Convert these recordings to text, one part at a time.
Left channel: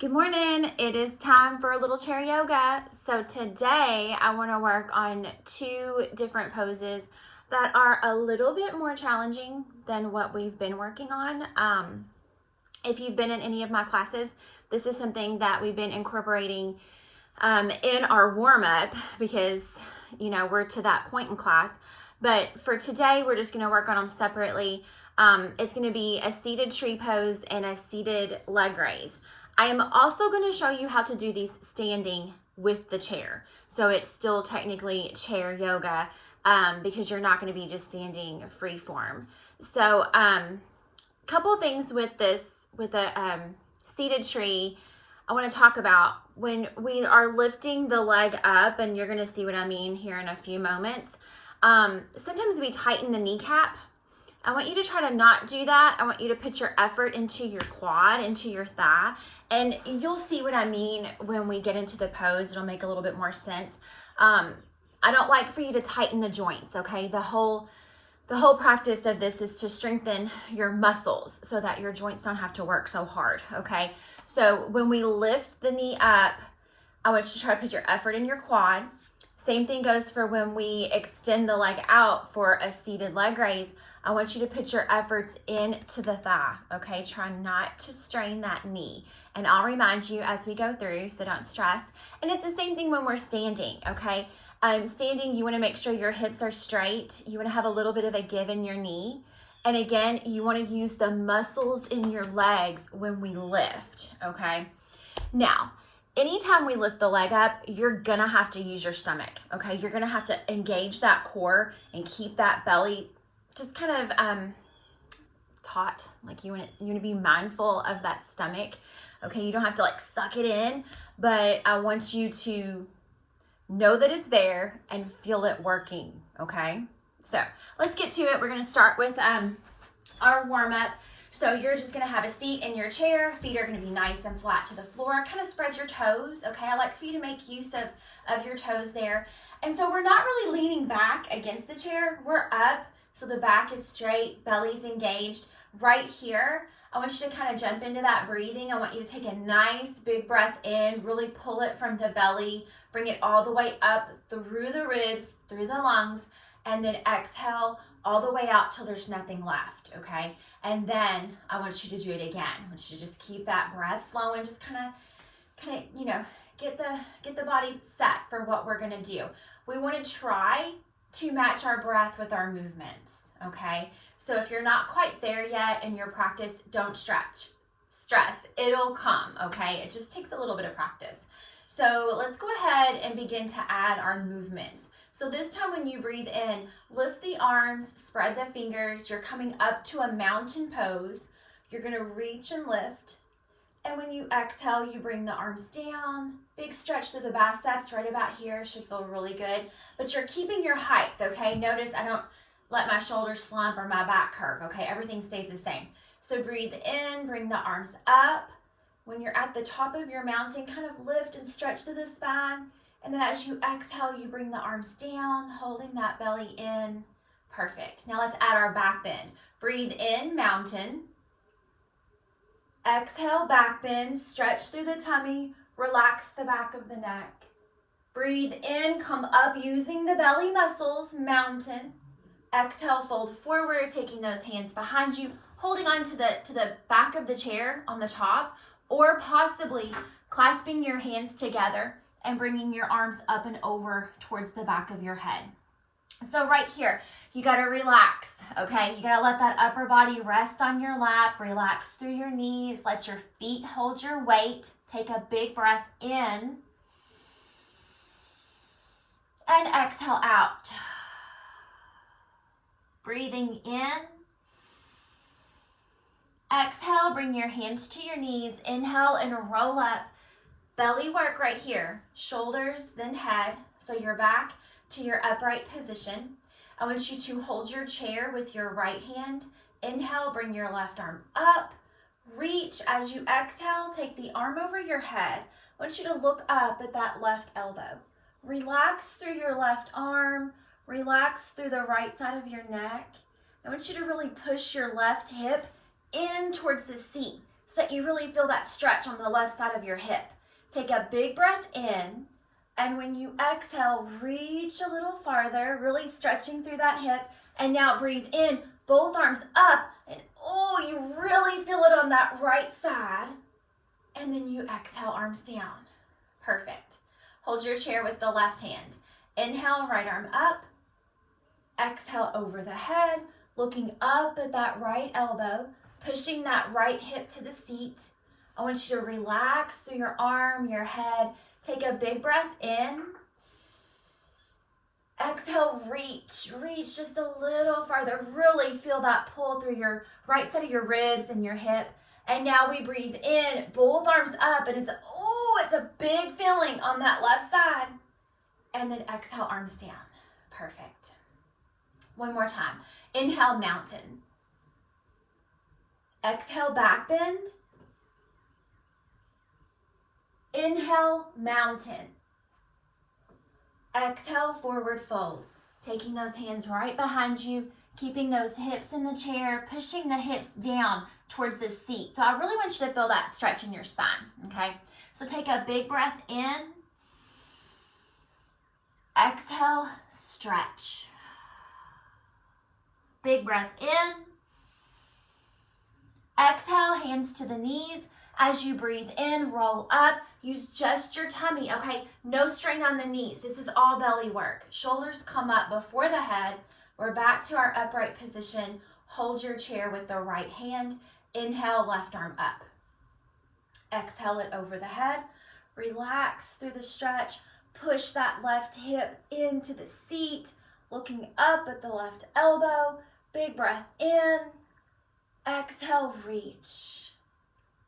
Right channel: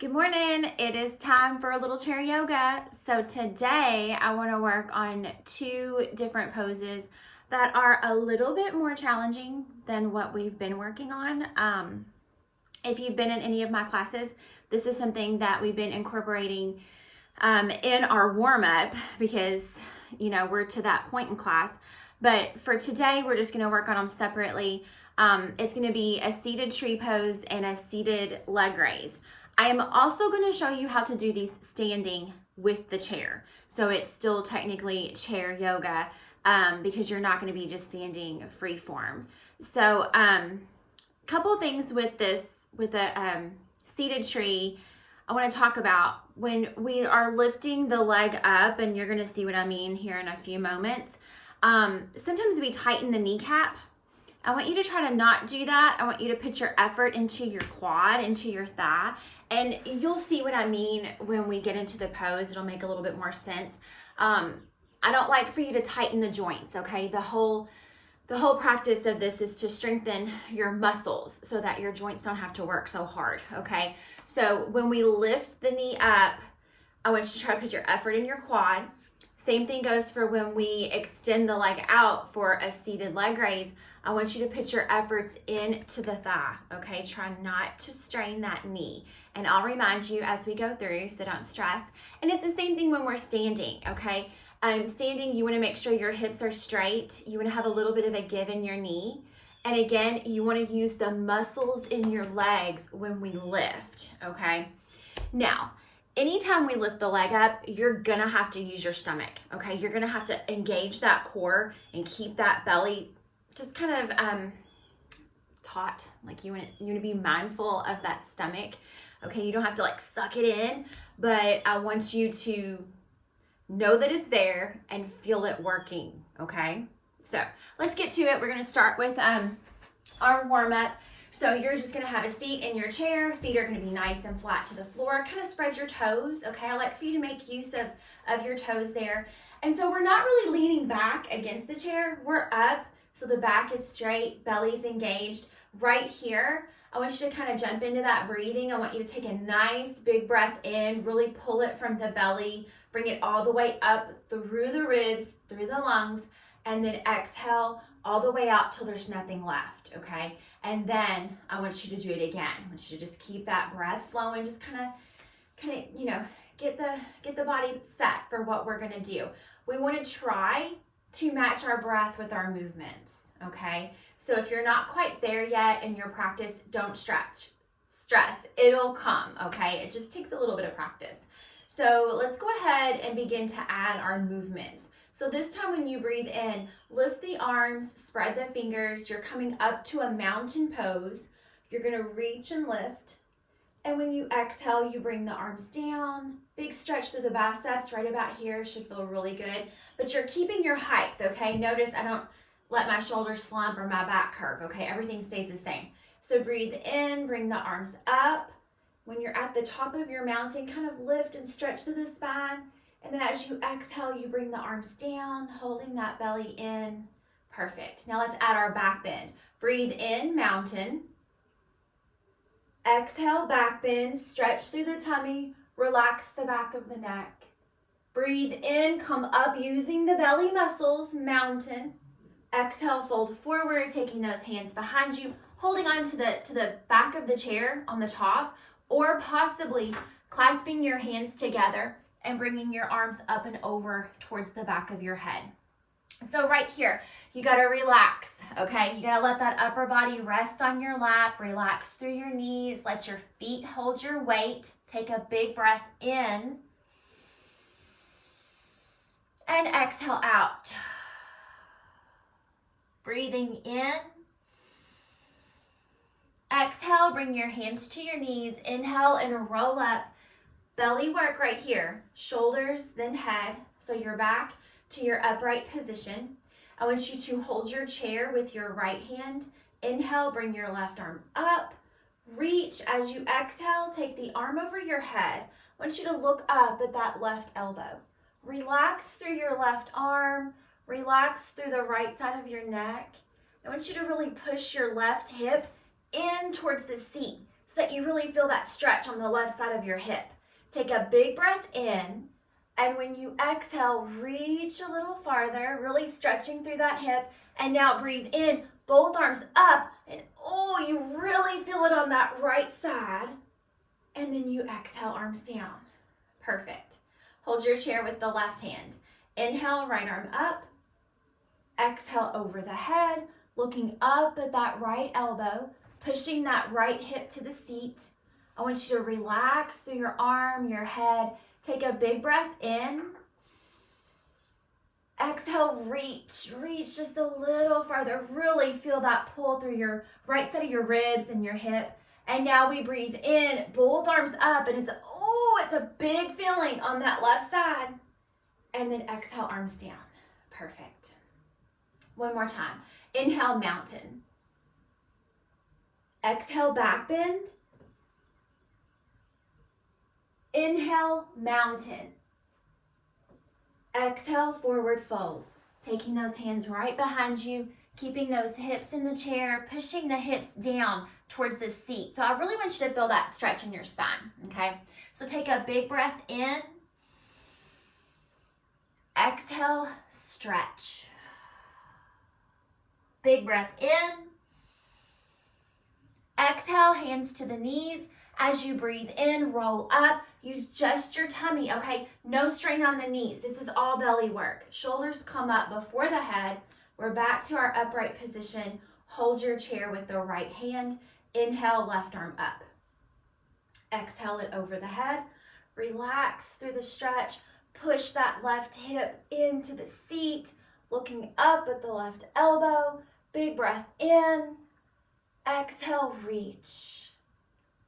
Good morning. It is time for a little chair yoga. So today I want to work on two different poses that are a little bit more challenging than what we've been working on. If you've been in any of my classes, this is something that we've been incorporating in our warm-up because, we're to that point in class. But for today, we're just going to work on them separately. It's going to be a seated tree pose and a seated leg raise. I am also going to show you how to do these standing with the chair. So it's still technically chair yoga because you're not going to be just standing free form. So couple things with this, with a seated tree, I want to talk about when we are lifting the leg up, and you're going to see what I mean here in a few moments. Sometimes we tighten the kneecap. I want you to try to not do that. I want you to put your effort into your quad, into your thigh, and you'll see what I mean when we get into the pose. It'll make a little bit more sense. I don't like for you to tighten the joints, okay? The whole practice of this is to strengthen your muscles so that your joints don't have to work so hard, okay? So when we lift the knee up, I want you to try to put your effort in your quad. Same thing goes for when we extend the leg out for a seated leg raise. I want you to put your efforts into the thigh, okay? Try not to strain that knee. And I'll remind you as we go through, so don't stress. And it's the same thing when we're standing, okay? Standing, you want to make sure your hips are straight. You want to have a little bit of a give in your knee. And again, you want to use the muscles in your legs when we lift, okay? Now, anytime we lift the leg up, you're gonna have to use your stomach, okay? You're gonna have to engage that core and keep that belly just kind of taut. Like you want to be mindful of that stomach, okay? You don't have to like suck it in, but I want you to know that it's there and feel it working, okay? So let's get to it. We're gonna start with our warm-up. So you're just gonna have a seat in your chair. Feet are gonna be nice and flat to the floor. Kind of spread your toes, okay? I like for you to make use of your toes there. And so we're not really leaning back against the chair. We're up, so the back is straight, belly's engaged. Right here, I want you to kind of jump into that breathing. I want you to take a nice big breath in, really pull it from the belly, bring it all the way up through the ribs, through the lungs, and then exhale all the way out till there's nothing left, okay? And then I want you to do it again. I want you to just keep that breath flowing, just kind of, get the body set for what we're gonna do. We wanna try to match our breath with our movements, okay? So if you're not quite there yet in your practice, don't stress. It'll come, okay? It just takes a little bit of practice. So let's go ahead and begin to add our movements. So this time when you breathe in, lift the arms, spread the fingers. You're coming up to a mountain pose. You're gonna reach and lift. And when you exhale, you bring the arms down. Big stretch through the biceps right about here. Should feel really good. But you're keeping your height, okay? Notice I don't let my shoulders slump or my back curve, okay? Everything stays the same. So breathe in, bring the arms up. When you're at the top of your mountain, kind of lift and stretch through the spine. And then as you exhale, you bring the arms down, holding that belly in. Perfect. Now let's add our back bend. Breathe in, mountain. Exhale, back bend, stretch through the tummy, relax the back of the neck. Breathe in, come up using the belly muscles, mountain. Exhale, fold forward, taking those hands behind you, holding on to the back of the chair on the top, or possibly clasping your hands together and bringing your arms up and over towards the back of your head. So right here, you gotta relax, okay? You gotta let that upper body rest on your lap, relax through your knees, let your feet hold your weight, take a big breath in, and exhale out. Breathing in. Exhale, bring your hands to your knees, inhale and roll up. Belly work right here, shoulders, then head, so you're back to your upright position. I want you to hold your chair with your right hand. Inhale, bring your left arm up. Reach as you exhale, take the arm over your head. I want you to look up at that left elbow. Relax through your left arm, relax through the right side of your neck. I want you to really push your left hip in towards the seat. so that you really feel that stretch on the left side of your hip. Take a big breath in, and when you exhale, reach a little farther, really stretching through that hip. And now breathe in, both arms up, and oh, you really feel it on that right side. And then you exhale, arms down. Perfect. Hold your chair with the left hand. Inhale, right arm up. Exhale over the head, looking up at that right elbow, pushing that right hip to the seat. I want you to relax through your arm, your head. Take a big breath in. Exhale, reach just a little farther. Really feel that pull through your right side of your ribs and your hip. And now we breathe in, both arms up, and it's a big feeling on that left side. And then exhale, arms down. Perfect. One more time. Inhale, mountain. Exhale, back bend. Inhale, mountain. Exhale, forward fold. Taking those hands right behind you, keeping those hips in the chair, pushing the hips down towards the seat. So I really want you to feel that stretch in your spine, okay? So take a big breath in. Exhale, stretch. Big breath in. Exhale, hands to the knees. As you breathe in, roll up. Use just your tummy, okay? No strain on the knees. This is all belly work. Shoulders come up before the head. We're back to our upright position. Hold your chair with the right hand. Inhale, left arm up. Exhale it over the head. Relax through the stretch. Push that left hip into the seat. Looking up at the left elbow. Big breath in. Exhale, reach.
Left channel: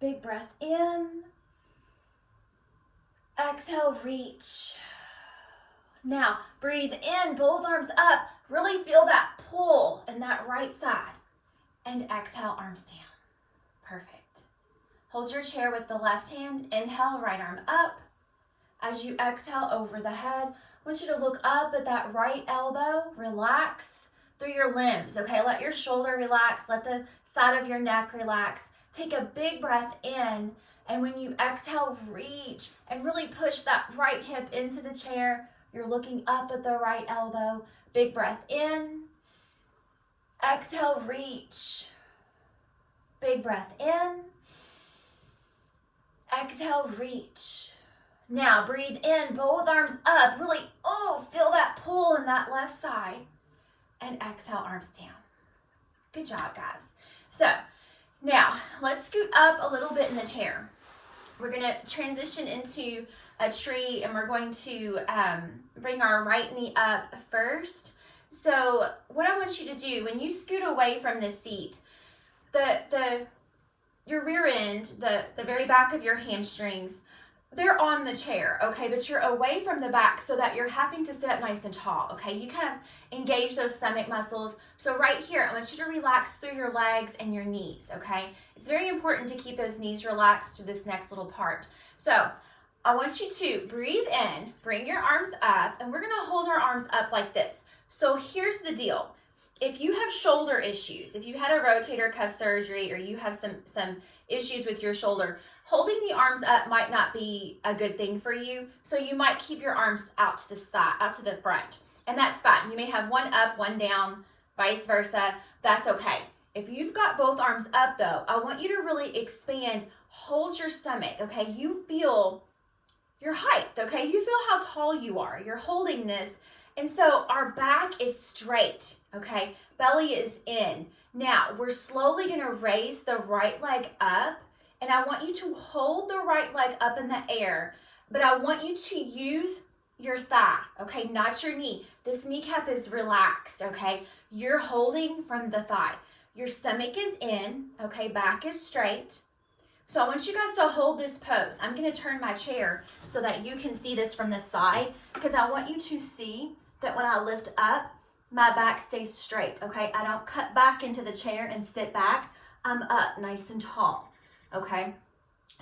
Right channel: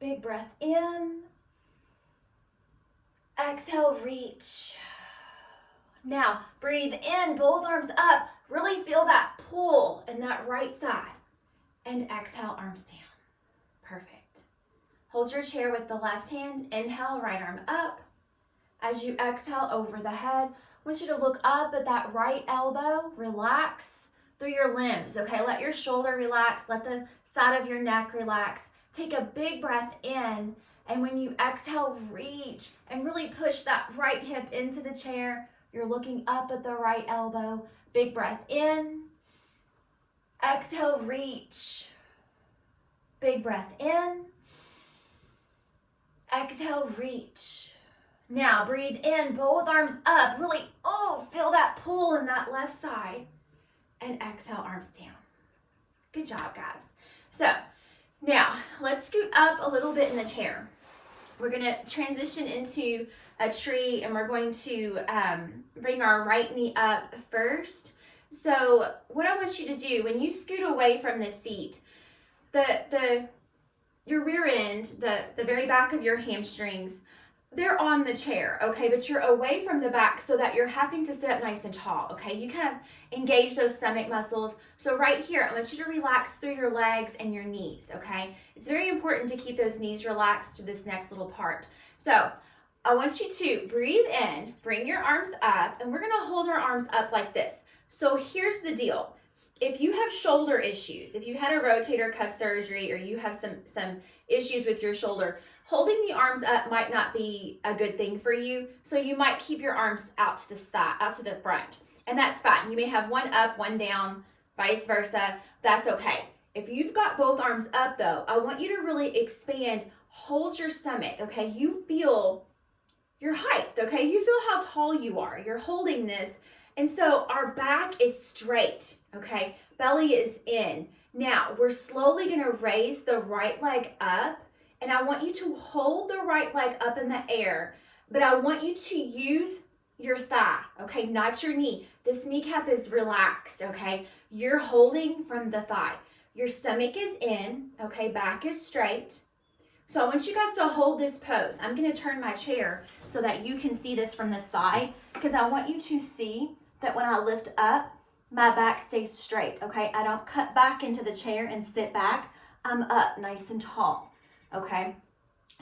Big breath in. Exhale, reach. Now, breathe in, both arms up. Really feel that pull in that right side. And exhale, arms down. Perfect. Hold your chair with the left hand. Inhale, right arm up. As you exhale over the head, I want you to look up at that right elbow. Relax through your limbs, okay? Let your shoulder relax. Let the side of your neck relax. Take a big breath in, and when you exhale, reach and really push that right hip into the chair. You're looking up at the right elbow. Big breath in. Exhale, reach. Big breath in. Exhale, reach. Now breathe in, both arms up. Really, feel that pull in that left side. And exhale, arms down. Good job, guys. So now let's scoot up a little bit in the chair. We're going to transition into a tree, and we're going to bring our right knee up first. So what I want you to do, when you scoot away from the seat, your rear end, the very back of your hamstrings, they're on the chair, okay? But you're away from the back so that you're having to sit up nice and tall, okay? You kind of engage those stomach muscles. So right here, I want you to relax through your legs and your knees, okay? It's very important to keep those knees relaxed to this next little part. So I want you to breathe in, bring your arms up, and we're gonna hold our arms up like this. So here's the deal. If you have shoulder issues, if you had a rotator cuff surgery, or you have some issues with your shoulder, holding the arms up might not be a good thing for you. So you might keep your arms out to the side, out to the front, and that's fine. You may have one up, one down, vice versa. That's okay. If you've got both arms up though, I want you to really expand, hold your stomach, okay? You feel your height, okay? You feel how tall you are. You're holding this. And so our back is straight, okay? Belly is in. Now, we're slowly gonna raise the right leg up, and I want you to hold the right leg up in the air, but I want you to use your thigh, okay? Not your knee. This kneecap is relaxed, okay? You're holding from the thigh. Your stomach is in, okay? Back is straight. So I want you guys to hold this pose. I'm gonna turn my chair so that you can see this from the side, because I want you to see that when I lift up, my back stays straight, okay? I don't cut back into the chair and sit back. I'm up nice and tall, okay?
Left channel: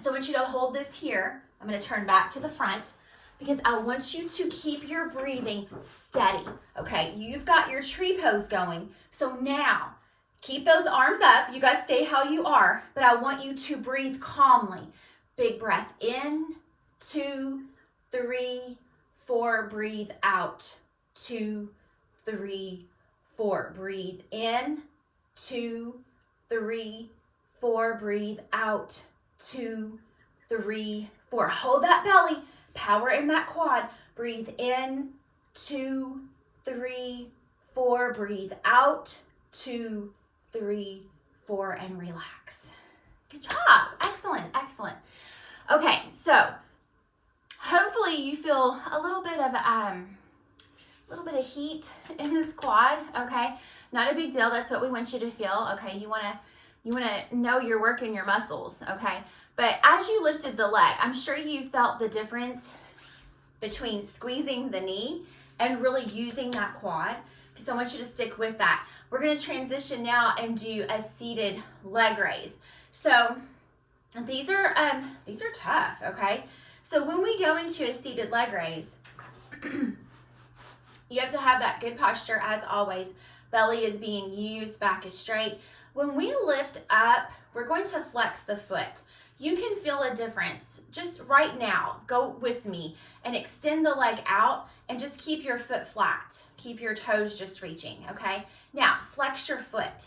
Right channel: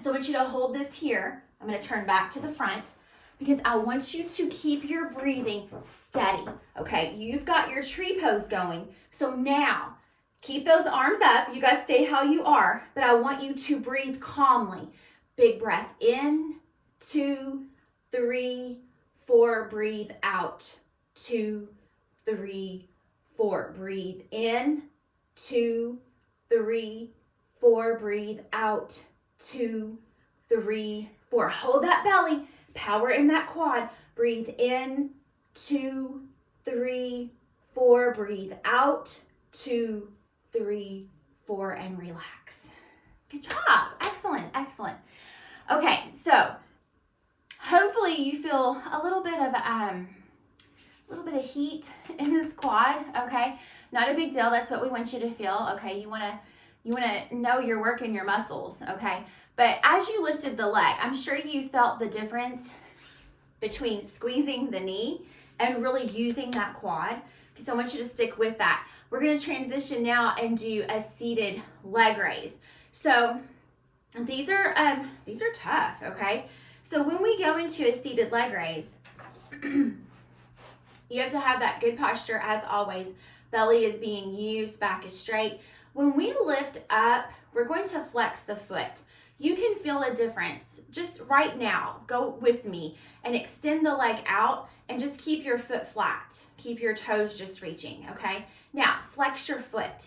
So I want you to hold this here. I'm gonna turn back to the front because I want you to keep your breathing steady, okay? You've got your tree pose going. So now Keep those arms up. You guys stay how you are, but I want you to breathe calmly. Big breath in, 2, 3, 4. Breathe out, 2, 3, 4. Breathe in, 2, 3, 4. Breathe out, 2, 3, 4. Hold that belly, power in that quad. Breathe in, 2, 3, 4. Breathe out, 2, 3, 4, and relax. Good job. Excellent, excellent. Okay, so hopefully you feel a little bit of heat in this quad. Okay, not a big deal. That's what we want you to feel. Okay, you wanna know you're working your muscles. Okay, but as you lifted the leg, I'm sure you felt the difference between squeezing the knee and really using that quad. So I want you to stick with that. We're going to transition now and do a seated leg raise. So these are tough, okay? So when we go into a seated leg raise, you have to have that good posture as always. Belly is being used, back is straight. When we lift up, we're going to flex the foot. You can feel a difference just right now. Go with me and extend the leg out and just keep your foot flat. Keep your toes just reaching, okay? Now, flex your foot.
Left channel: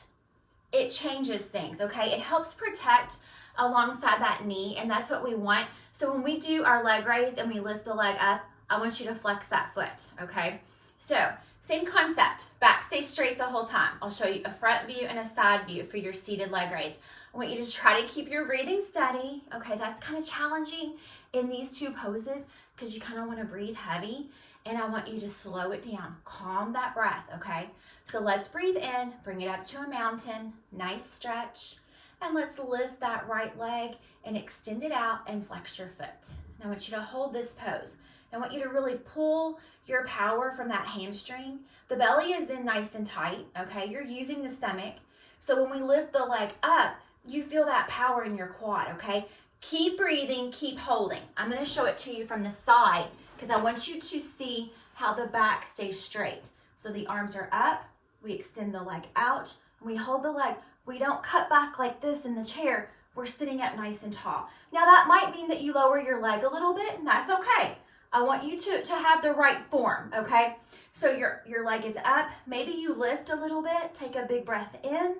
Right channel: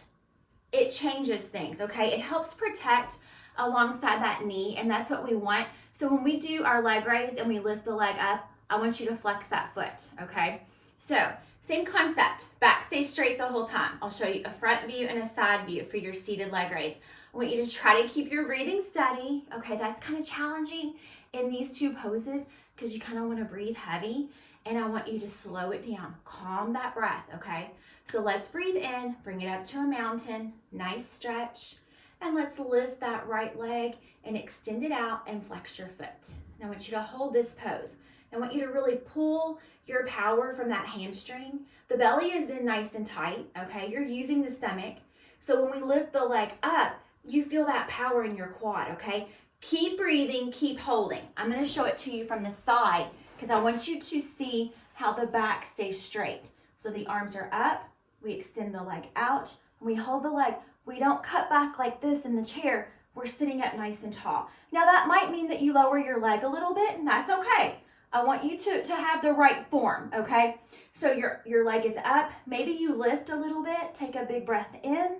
It changes things, okay? It helps protect alongside that knee, and that's what we want. So when we do our leg raise and we lift the leg up, I want you to flex that foot, okay? So, same concept. Back stays straight the whole time. I'll show you a front view and a side view for your seated leg raise. I want you to try to keep your breathing steady, okay? That's kind of challenging in these two poses because you kind of want to breathe heavy, and I want you to slow it down. Calm that breath, okay? So let's breathe in, bring it up to a mountain, nice stretch, and let's lift that right leg and extend it out and flex your foot. Now I want you to hold this pose. I want you to really pull your power from that hamstring. The belly is in nice and tight, okay? You're using the stomach. So when we lift the leg up, you feel that power in your quad, okay? Keep breathing, keep holding. I'm gonna show it to you from the side because I want you to see how the back stays straight. So the arms are up, we extend the leg out, and we hold the leg. We don't cut back like this in the chair. We're sitting up nice and tall. Now that might mean that you lower your leg a little bit, and that's okay. I want you to have the right form, okay? So your leg is up. Maybe you lift a little bit. Take a big breath in.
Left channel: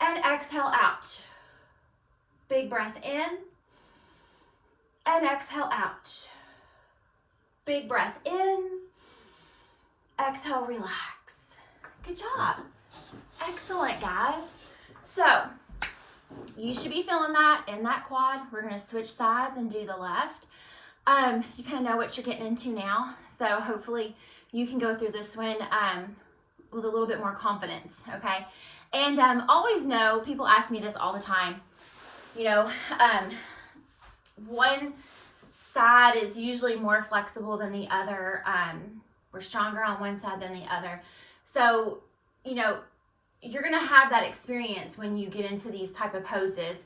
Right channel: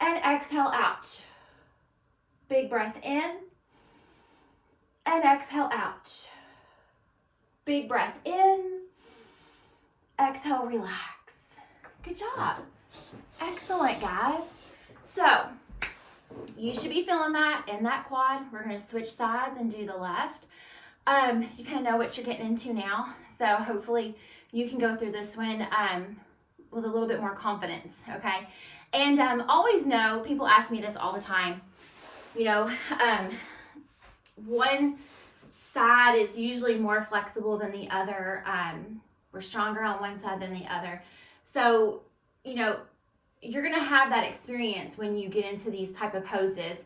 And exhale out. Big breath in. And exhale out. Big breath in. Exhale, relax. Good job. Excellent, guys. So, you should be feeling that in that quad. We're going to switch sides and do the left. You kind of know what you're getting into now. So, hopefully, you can go through this one with a little bit more confidence, okay? And always know, people ask me this all the time, you know, one side is usually more flexible than the other. We're stronger on one side than the other. So, you know, you're going to have that experience when you get into these type of poses.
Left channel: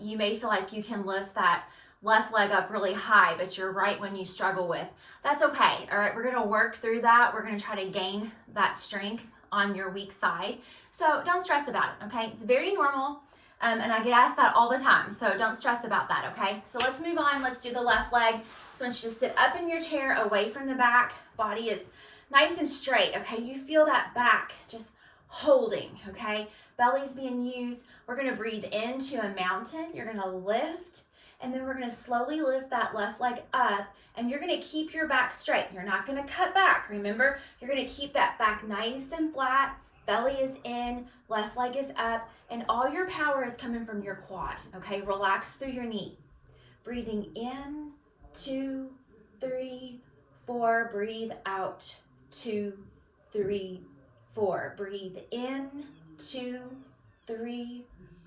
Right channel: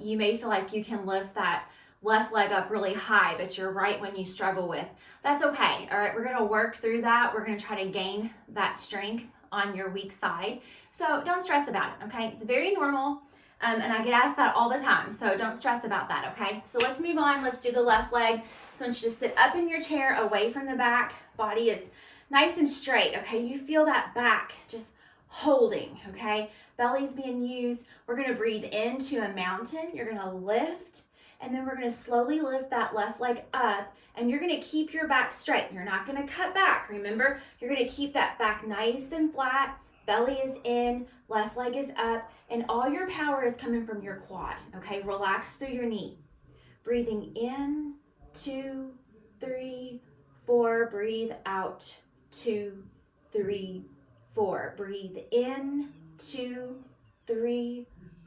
You may feel like you can lift that left leg up really high, but you're right when you struggle with. That's okay, all right? We're going to work through that. We're going to try to gain that strength on your weak side. So don't stress about it, okay? It's very normal, and I get asked that all the time, so don't stress about that, okay? So let's move on. Let's do the left leg. So I want you to sit up in your chair, away from the back. Body is nice and straight, okay? You feel that back just holding, okay? Belly's being used. We're going to breathe into a mountain. You're going to lift, and then we're going to slowly lift that left leg up, and you're going to keep your back straight. You're not going to cut back. Remember, you're going to keep that back nice and flat. Belly is in, left leg is up, and all your power is coming from your quad, okay? Relax through your knee. Breathing in, 2, 3, 4. Breathe out, 2, 3, 4. Breathe in, 2, 3,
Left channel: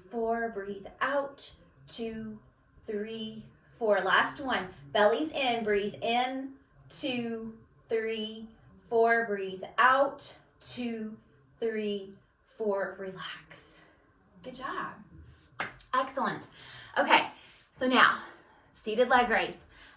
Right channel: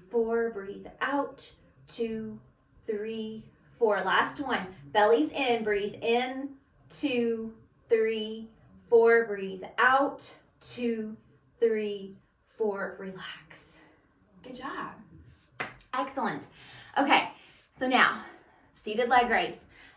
4. Breathe out, 2, 3, 4. Last one. Belly's in. Breathe in, 2, 3, 4. Breathe out, 2, 3, 4. Relax. Good job. Excellent. Okay, so now, seated leg raise.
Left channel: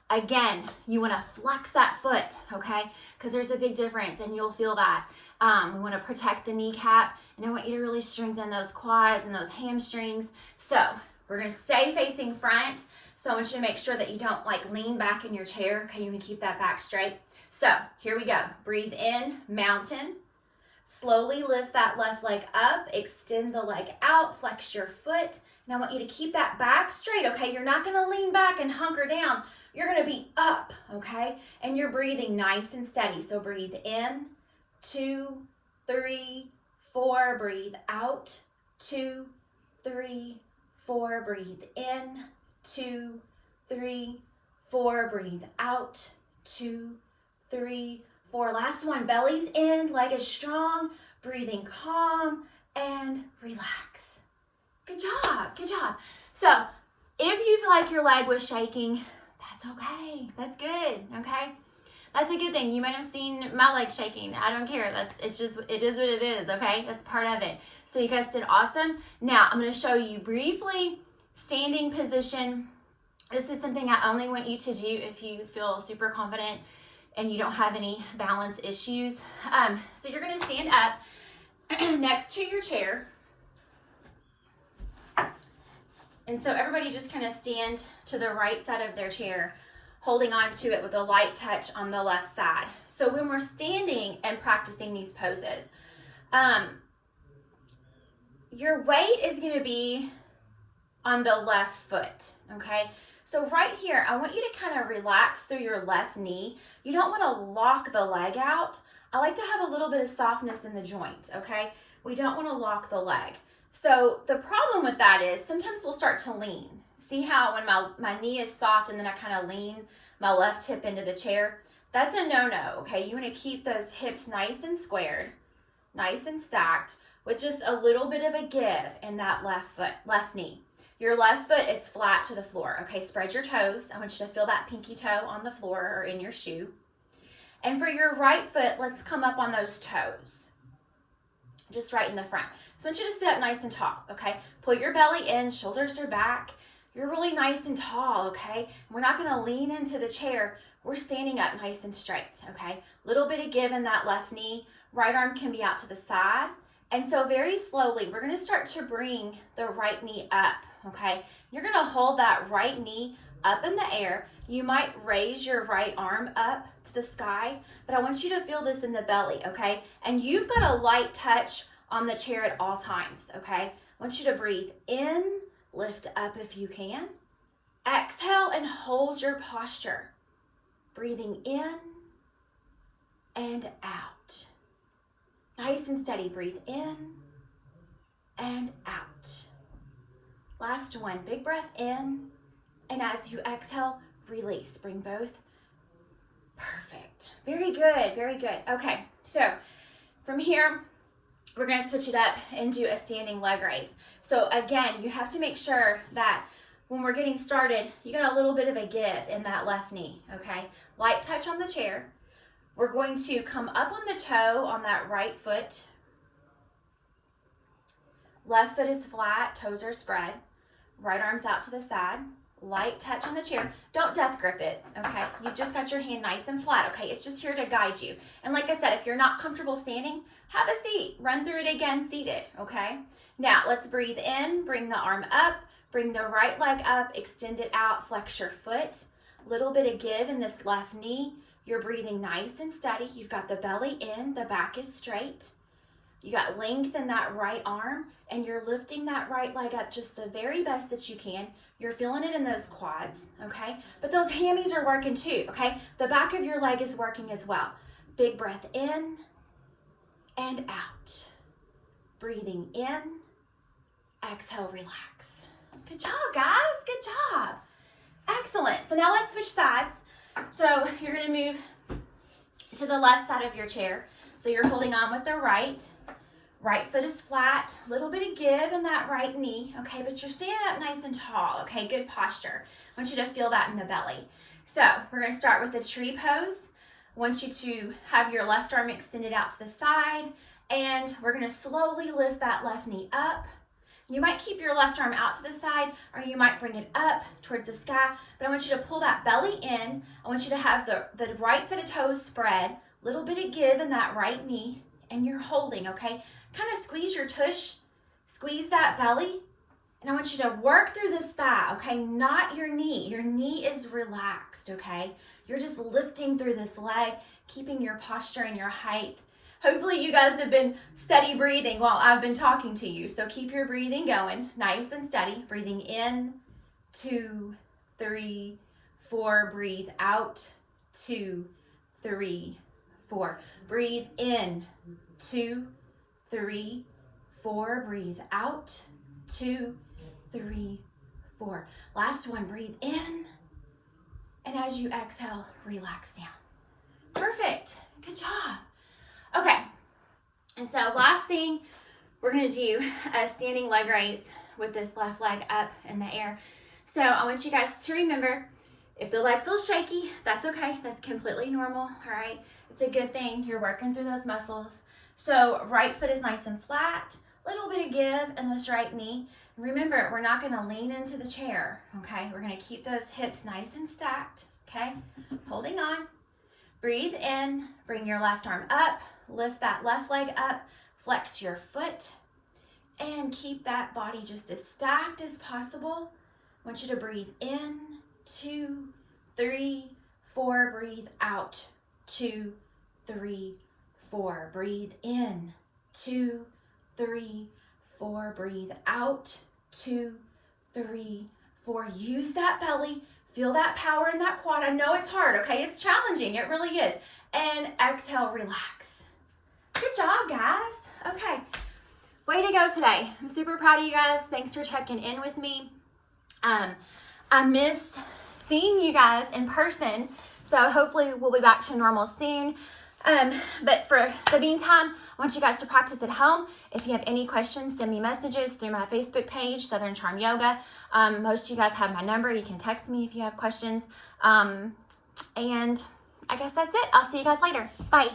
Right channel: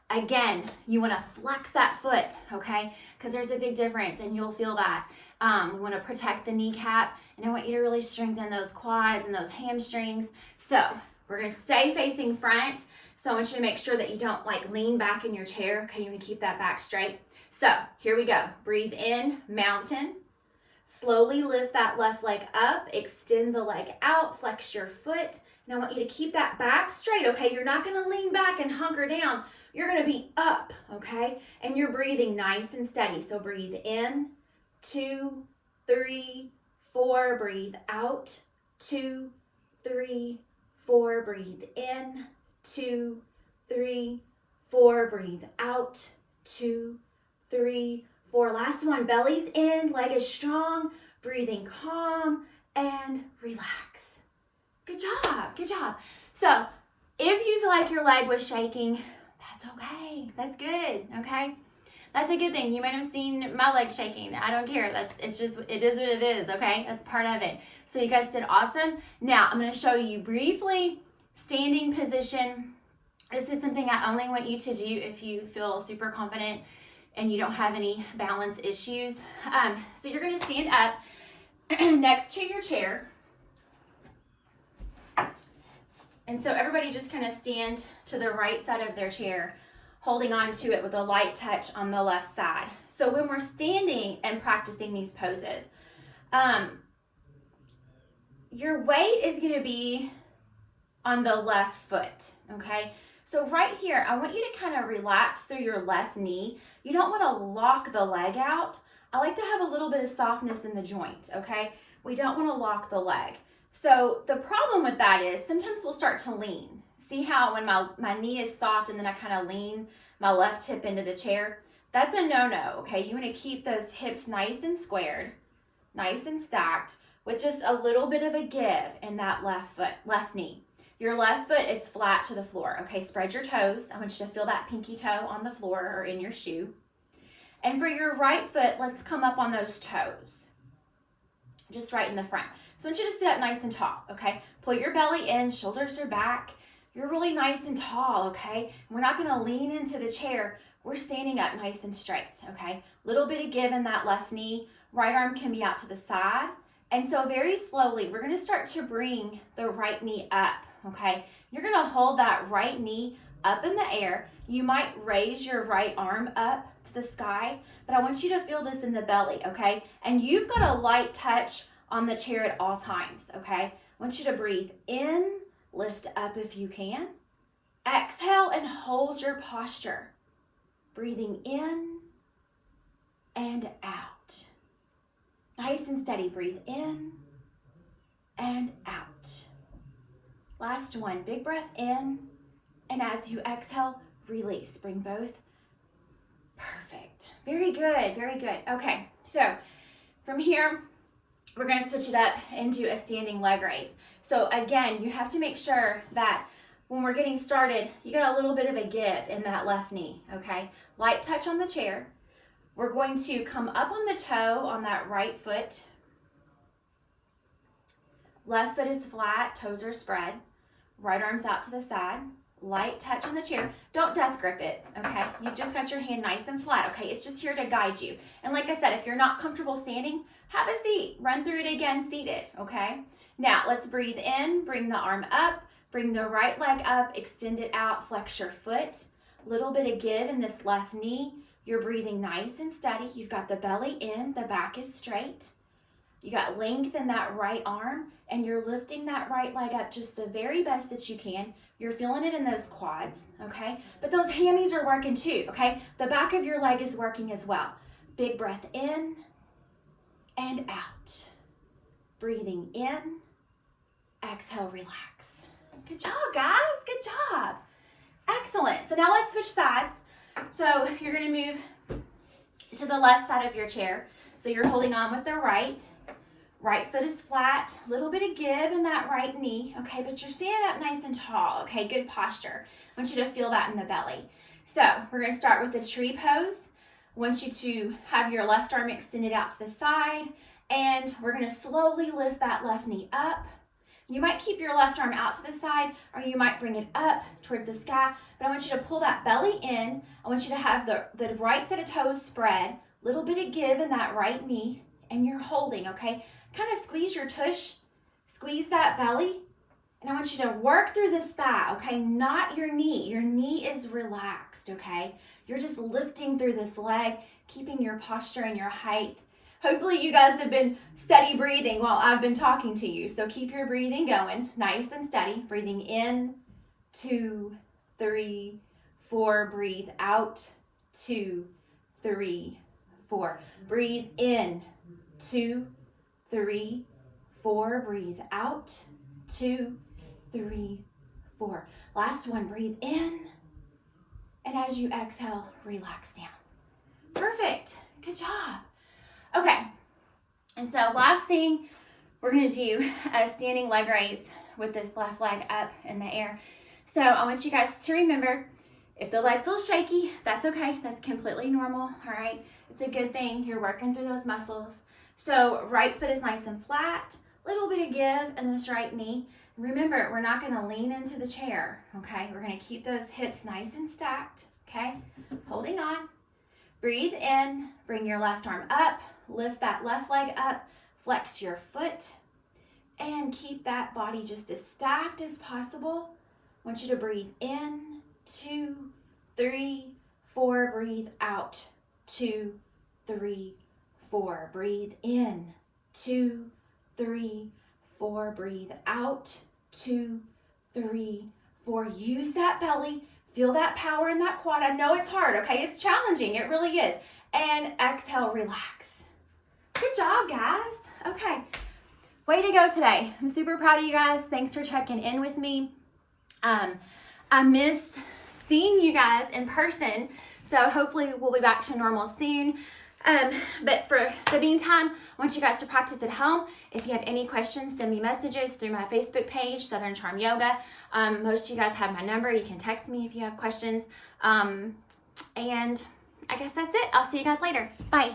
Again, you want to flex that foot, okay? Because there's a big difference, and you'll feel that. We want to protect the kneecap, and I want you to really strengthen those quads and those hamstrings. So we're going to stay facing front. So I want you to make sure that you don't like lean back in your chair. Okay, you want to keep that back straight. So here we go. Breathe in, mountain. Slowly lift that left leg up, extend the leg out, flex your foot. And I want you to keep that back straight, okay? You're not gonna lean back and hunker down. You're gonna be up, okay? And you're breathing nice and steady. So breathe in, 2, 3, 4. Breathe out, 2, 3, 4. Breathe in, 2, 3, 4. Breathe out, 2, 3, 4. Last one, belly's in, leg is strong, breathing calm and relax. Good job, good job. So if you feel like your leg was shaking, that's okay, that's good, okay? That's a good thing. You might have seen my leg shaking. I don't care. It is what it is, okay? That's part of it. So you guys did awesome. Now I'm gonna show you briefly standing position. This is something I only want you to do if you feel super confident and you don't have any balance issues. So you're gonna stand up next to your chair. And so everybody just kind of stand to the right side of their chair, holding on to it with a light touch on the left side. So when we're standing and practicing these poses, your weight is gonna be on the left foot, okay? So right here, I want you to kind of relax through your left knee. You don't want to lock the leg out. I like to have a little bit of softness in the joint, okay? We don't want to lock the leg. So the problem with that is sometimes we'll start to lean. See how when my knee is soft and then I kind of lean my left hip into the chair? That's a no-no, okay? You want to keep those hips nice and squared, nice and stacked, with just a little bit of a give in that left knee. Your left foot is flat to the floor, okay? Spread your toes. I want you to feel that pinky toe on the floor or in your shoe. And for your right foot, let's come up on those toes, just right in the front. So I want you to sit up nice and tall, okay? Pull your belly in, shoulders are back. You're really nice and tall, okay? We're not gonna lean into the chair. We're standing up nice and straight, okay? Little bit of give in that left knee. Right arm can be out to the side. And so very slowly, we're gonna start to bring the right knee up, okay? You're gonna hold that right knee up in the air. You might raise your right arm up to the sky, but I want you to feel this in the belly, okay? And you've got a light touch on the chair at all times, okay? I want you to breathe in, lift up if you can. Exhale and hold your posture. Breathing in and out. Nice and steady. Breathe in and out. Last one. Big breath in. And as you exhale, release. Bring both. Perfect. Very good. Very good. Okay. So from here, we're going to switch it up and do a standing leg raise. So again, you have to make sure that when we're getting started, you got a little bit of a give in that left knee. Okay. Light touch on the chair. We're going to come up on the toe on that right foot. Left foot is flat, toes are spread. Right arm's out to the side. Light touch on the chair. Don't death grip it, okay? You've just got your hand nice and flat, okay? It's just here to guide you. And like I said, if you're not comfortable standing, have a seat. Run through it again seated, okay? Now, let's breathe in, bring the arm up, bring the right leg up, extend it out, flex your foot. Little bit of give in this left knee. You're breathing nice and steady. You've got the belly in, the back is straight. You got length in that right arm, and you're lifting that right leg up just the very best that you can. You're feeling it in those quads, okay? But those hammies are working too, okay? The back of your leg is working as well. Big breath in and out. Breathing in, exhale, relax. Good job, guys, good job. Excellent, so now let's switch sides. So you're gonna move to the left side of your chair. So you're holding on with the right. Right foot is flat, little bit of give in that right knee, okay, but you're standing up nice and tall, okay, good posture. I want you to feel that in the belly. So we're gonna start with the tree pose. I want you to have your left arm extended out to the side, and we're gonna slowly lift that left knee up. You might keep your left arm out to the side, or you might bring it up towards the sky, but I want you to pull that belly in. I want you to have the right set of toes spread, little bit of give in that right knee, and you're holding, okay? Kind of squeeze your tush, squeeze that belly, and I want you to work through this thigh, okay? Not your knee. Your knee is relaxed, okay? You're just lifting through this leg, keeping your posture and your height. Hopefully you guys have been steady breathing while I've been talking to you. So keep your breathing going, nice and steady. Breathing in, 2, 3, 4. Breathe out, 2, 3, 4. Breathe in, 2, 3, 4. Breathe out, 2, 3, 4. Last one, breathe in. And as you exhale, relax down. Perfect, good job. Okay, and so last thing, we're gonna do a standing leg raise with this left leg up in the air. So I want you guys to remember, if the leg feels shaky, that's okay. That's completely normal, all right? It's a good thing. You're working through those muscles. So right foot is nice and flat, little bit of give in this right knee. Remember, we're not gonna lean into the chair, okay? We're gonna keep those hips nice and stacked, okay? Holding on. Breathe in, bring your left arm up, lift that left leg up, flex your foot, and keep that body just as stacked as possible. I want you to breathe in, 2, 3, 4. Breathe out, 2, 3, 4. Breathe in, 2, 3, 4. Breathe out, 2, 3, 4. Use that belly. Feel that power in that quad. I know it's hard, okay? It's challenging. It really is. And exhale, relax. Good job, guys. Okay. Way to go today. I'm super proud of you guys. Thanks for checking in with me. I miss seeing you guys in person, so hopefully we'll be back to normal soon. But for the meantime, I want you guys to practice at home. If you have any questions, send me messages through my Facebook page, Southern Charm Yoga. Most of you guys have my number. You can text me if you have questions. And I guess that's it. I'll see you guys later. Bye.